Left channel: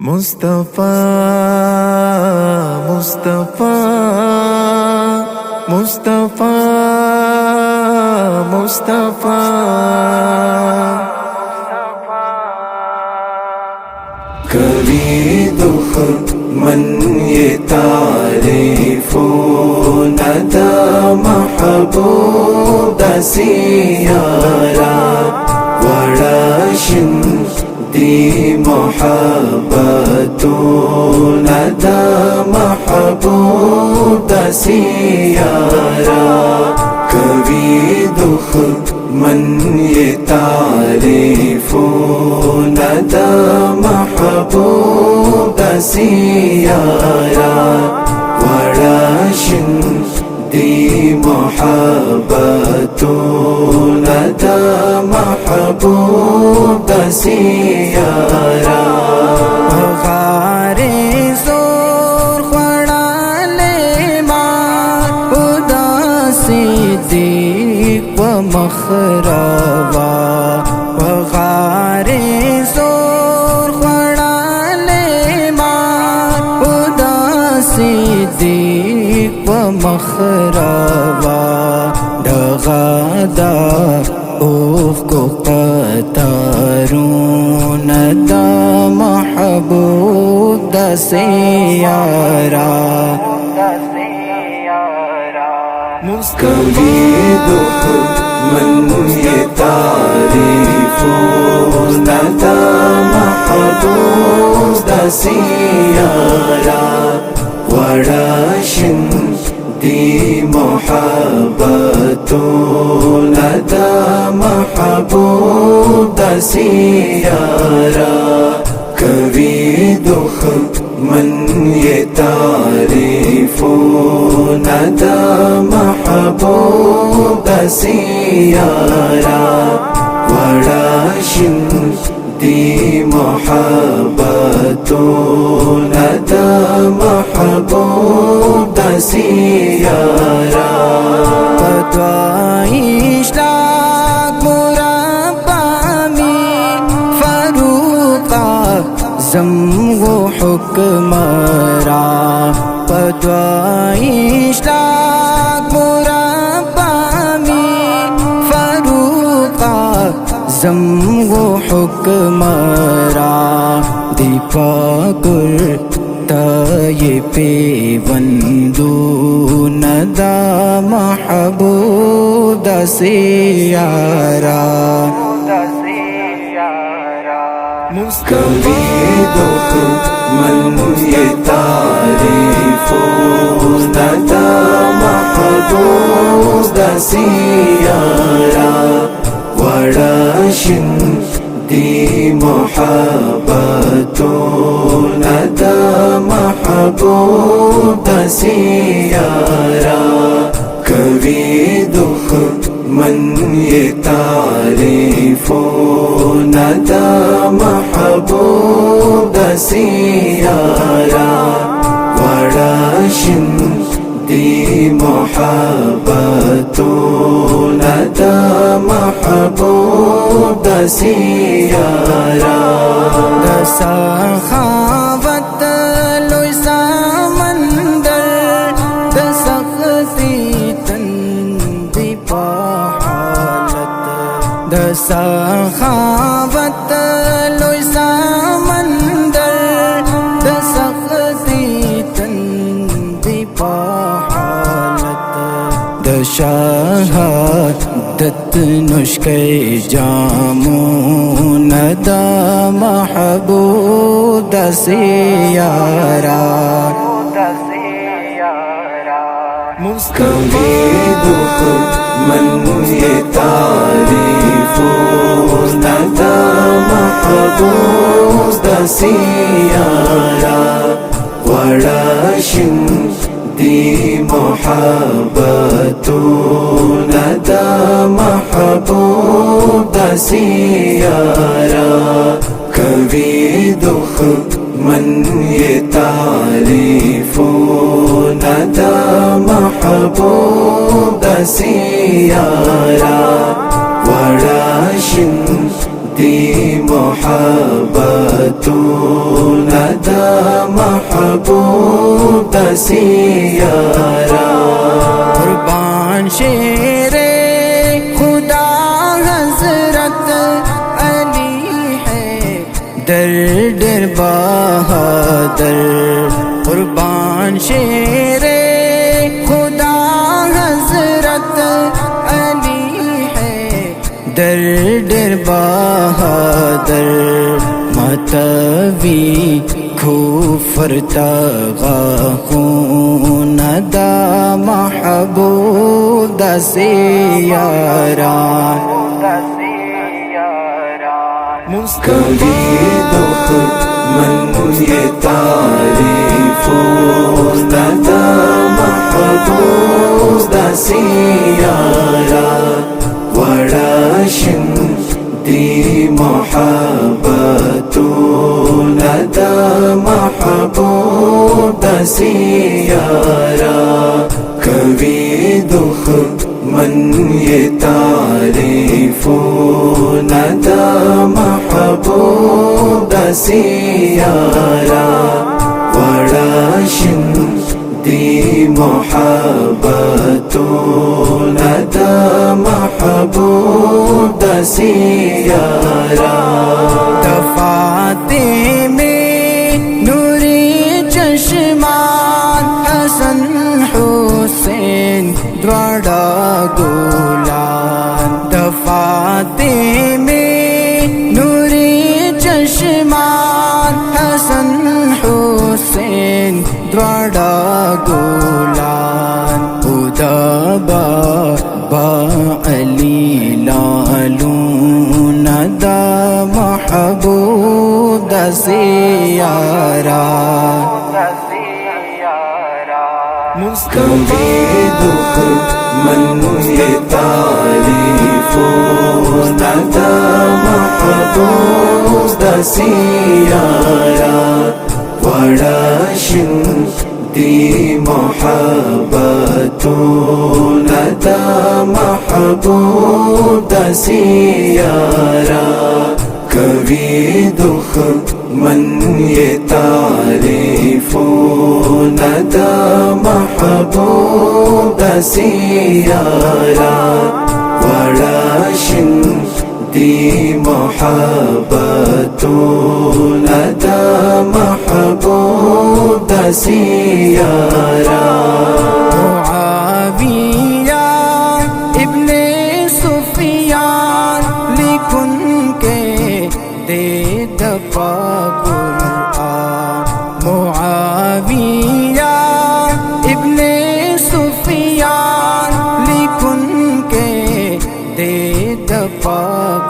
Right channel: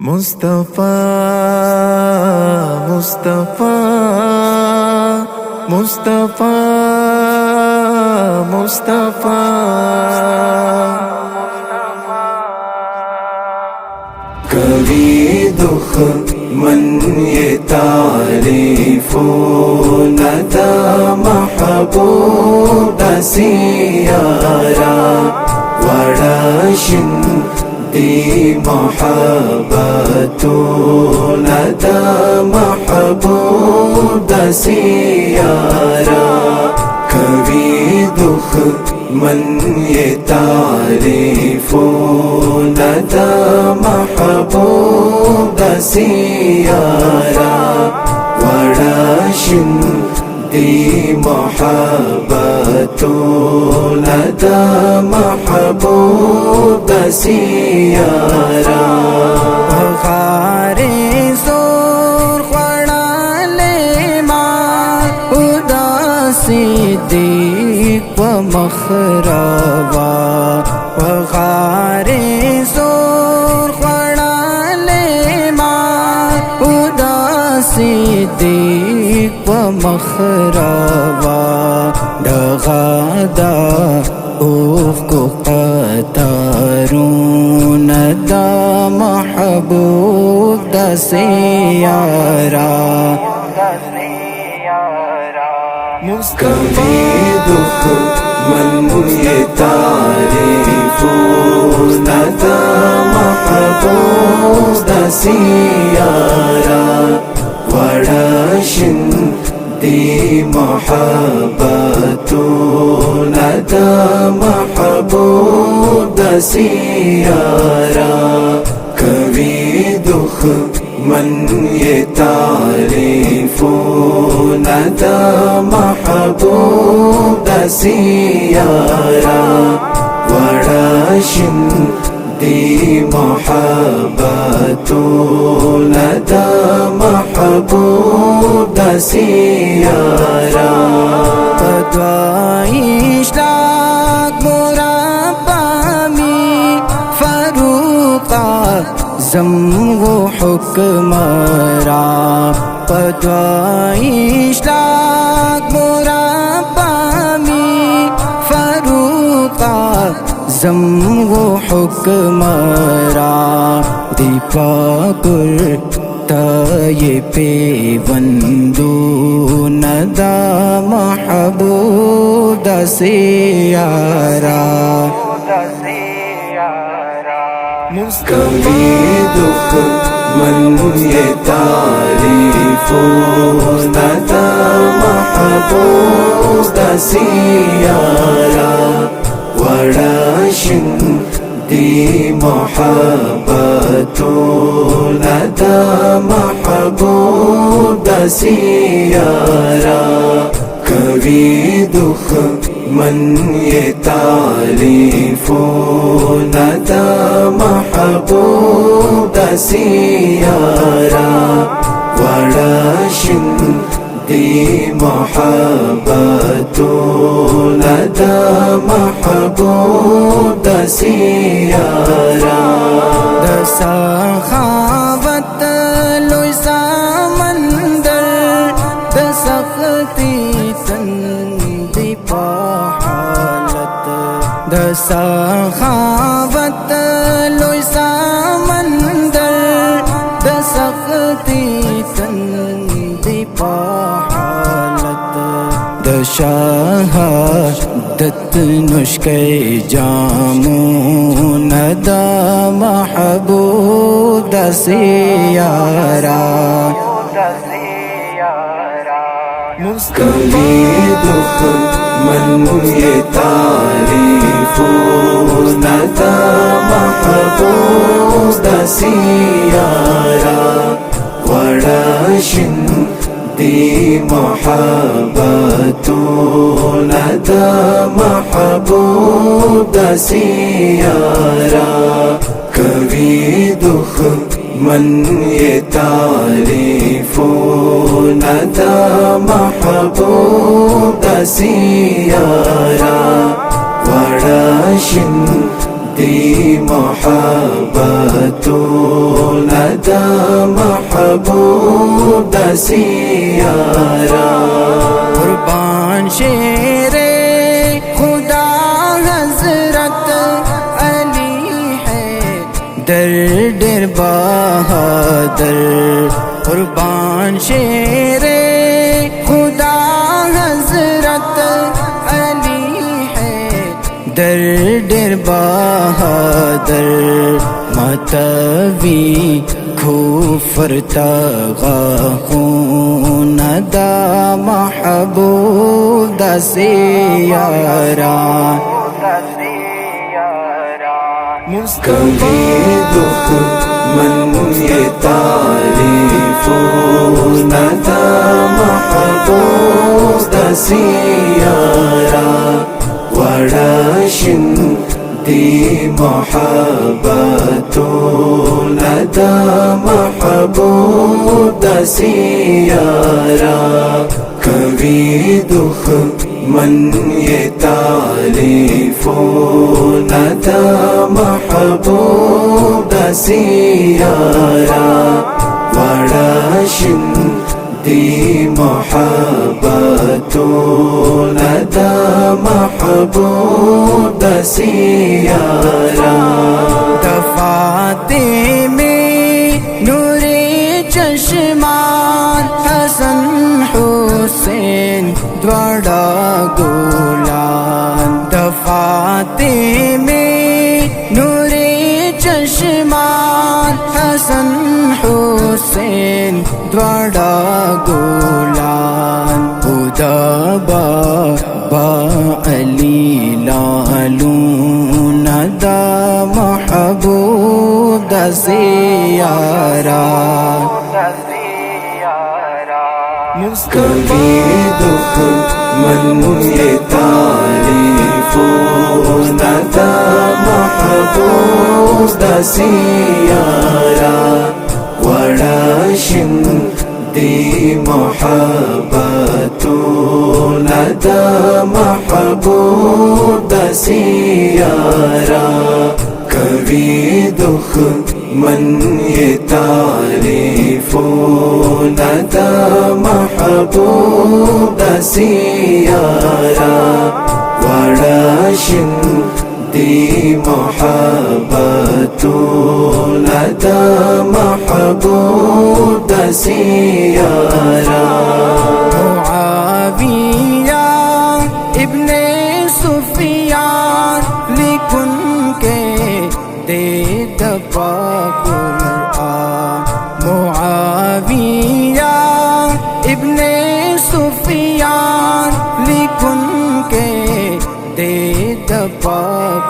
مصطفیٰ مصطفیٰ مصطفیٰ مصطفیٰ کبھی دشمن یہ تعریفوں ندا محبوب سیارا بڑا شندی محبت ندا محبوب سیارا کبھی دشمن یہ تعریفوں ندا محبوب سیارا بڑا شندی محبت ندا محبوب سیارا بغار زور خڑالے ماں اداسی دیپ مخروا بغار زور خڑالے ماں اداسی دیپ مخروا دغادا اوف کو قطارون دا محبوب دا سیارا مصطفیٰ من یہ تعریفون دا محبوب دا سیارا بڑا شندی محبت ندا محبوب سیارا کبھی دشمن یہ تعریفوں ندا محبوب سیارا بڑا شندی محبت ندا محبوب سیارا پدوائش لاک مربع میں فاروق اعظم و حکمراں پدوائش لاک مربع میں فاروق اعظم و حکمراں دیپا کرتا یہ پیوندو ندا محبوب سیارا مصطفیٰ من یہ تعریفوں ندا محبوب سیارا بڑا شندی محبت ندا محبوب سیارا کبھی دشمن یہ تعریفوں ندا محبوب سیارا بڑا شندی محبت ندا محبوب سیارا دا سخاوت لوی سمندر دا سختی تندی پا حالت دا سخاوت لوی سمندر دا سختی تندی پا حالت دا شہادت نشکے جامو ندا محبوب سیارا مصطفیٰ من یہ تعریفوں ندا محبوب سیارا بڑا شندی محبت ندا محبوب سیارا کبھی دشمن یہ تعریفوں ندا محبوب سیارا بڑا شندی محبت ندا محبوب دا سیارا قربان شیر خدا حضرت علی ہے در در بہادر قربان شیر خدا حضرت علی ہے در در بہادر ماتوی کفر تغاخون دا محبوب دا سیارا مصطفیٰ من یہ تعریفون دا محبوب دا سیارا وڑاشن دی محبتون دا محبوب دا سیارا کبھی دکھ من یہ تعریفون دا محبوب دا سیارا وڑاشن دی محبتون دا محبوب دا سیارا دفاتے میں نوری چشمان حسن حسین دوڑا گولان دفاتے میں نوری چشمان حسن حسین دوڑا گولان خدا با علی لالون دا محبوب دا سیارا مصطفیٰ من یہ تعریفون دا محبوب دا سیارا وڑاشن دی محبتون دا محبوب دا سیارا کبھی دکھ من یہ تعریفون دا محبوب دا سیارا وڑاشن دی محبتون دا محبوب دا سیارا معاویہ ابن سفیان لکن کے دے دفا قرآن معاویہ ابن سفیان لکن کے دے دفا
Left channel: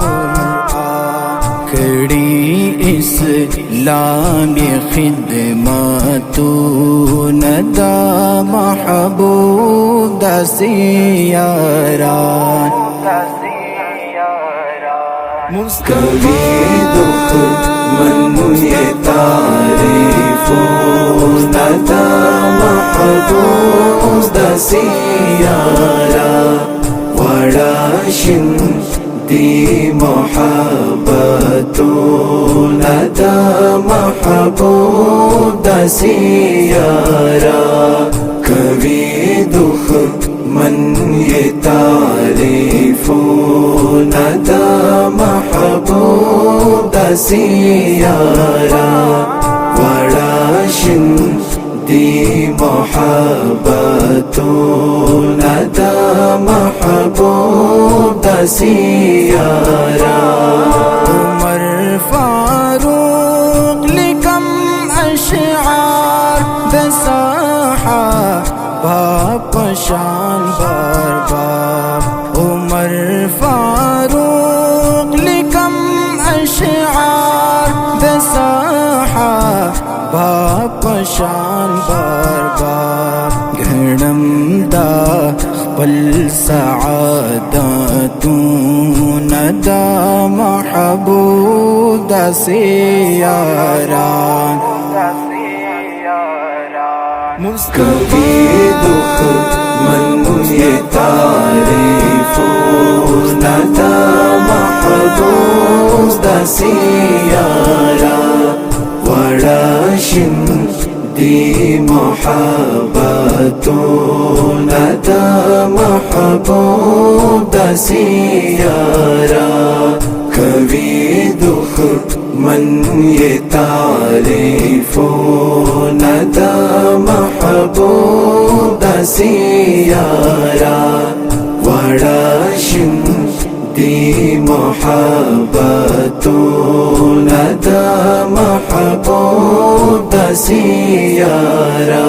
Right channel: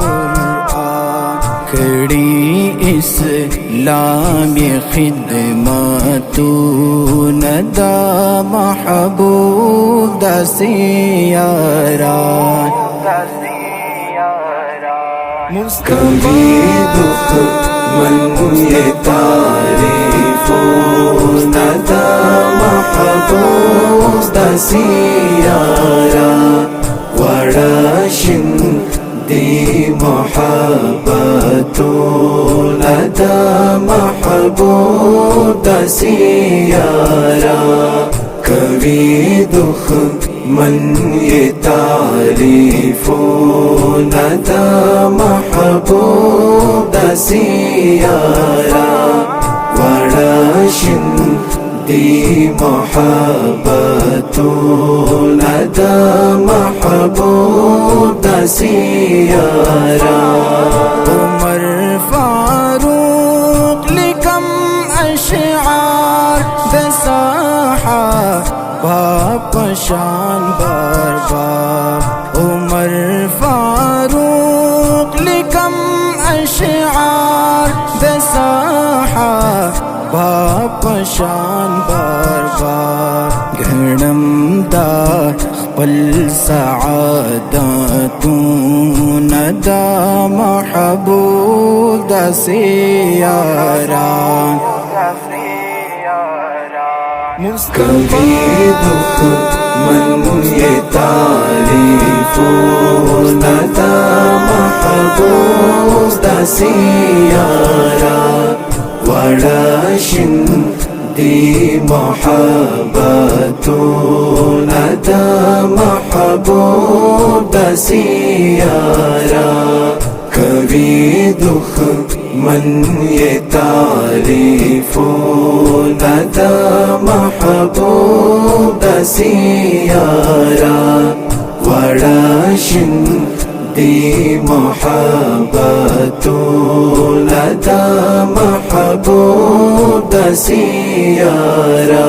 قرآن کھڑی اسلام خدمتون دا محبوب دا سیارا مصطفیٰ من یہ تعریفون دا محبوب دا سیارا وڑاشن دی محبتون دا محبوب دا سیارا کبھی دکھ من یہ تعریفون دا محبوب دا سیارا وڑاشن دی محبتون دا محبوب دا سیارا عمر فاروق لکم اشعار دساحا باپ شان بار بار عمر فاروق لکم اشعار دساحا باپ شان بار بار گھڑم دا خپل سعادتون دا محبوب دا سیارا مصطفیٰ من یہ تعریفون دا محبوب دا سیارا غراشن دی محبت ندا محبوب سیارا کبھی دکھ من یہ تعریف ندا محبوب سیارا غراشن دی محبت ندا محبوب سیارا